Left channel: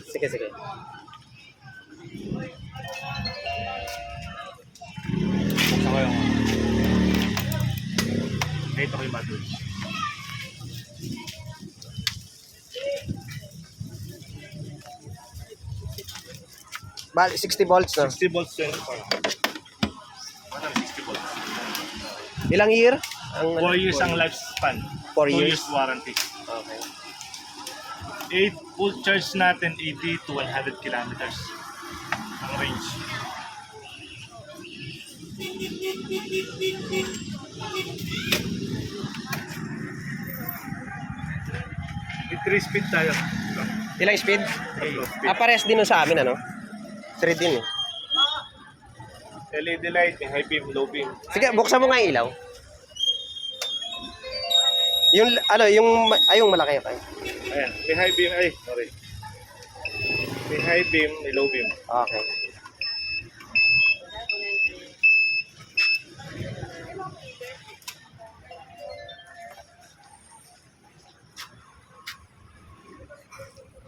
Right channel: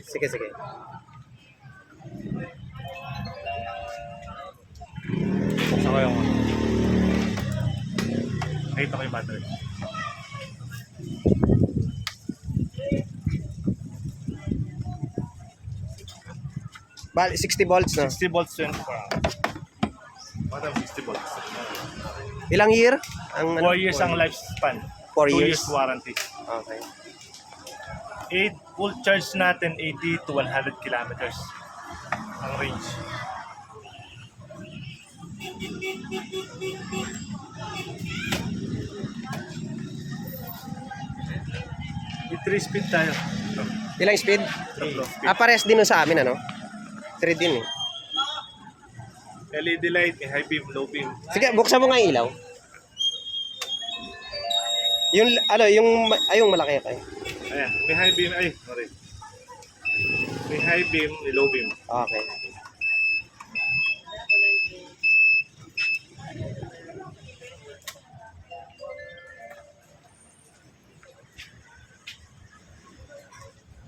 Sige, sige. Ko yung... Kahit ako yung battery. Bali, 60 volts, no? 60 volts 24. Parang 60 volts. Ilang year? Ang, 4 years ang lifespan. Four 2 years? years warranty. Okay. 8 full charge natin 80 to 100 kilometers ang range. 3 speed tayo. Ilang speed? 3 speed. Ah, parehas din sa amin, ano? 3 din, eh. LED light, high beam, low beam. Sige, buksan mo nga yung ilaw. Yung, ano, yung, ma- ay, yung malaki, okay. Ayan, may high beam, ay, sorry. May high beam, may low beam. Okay.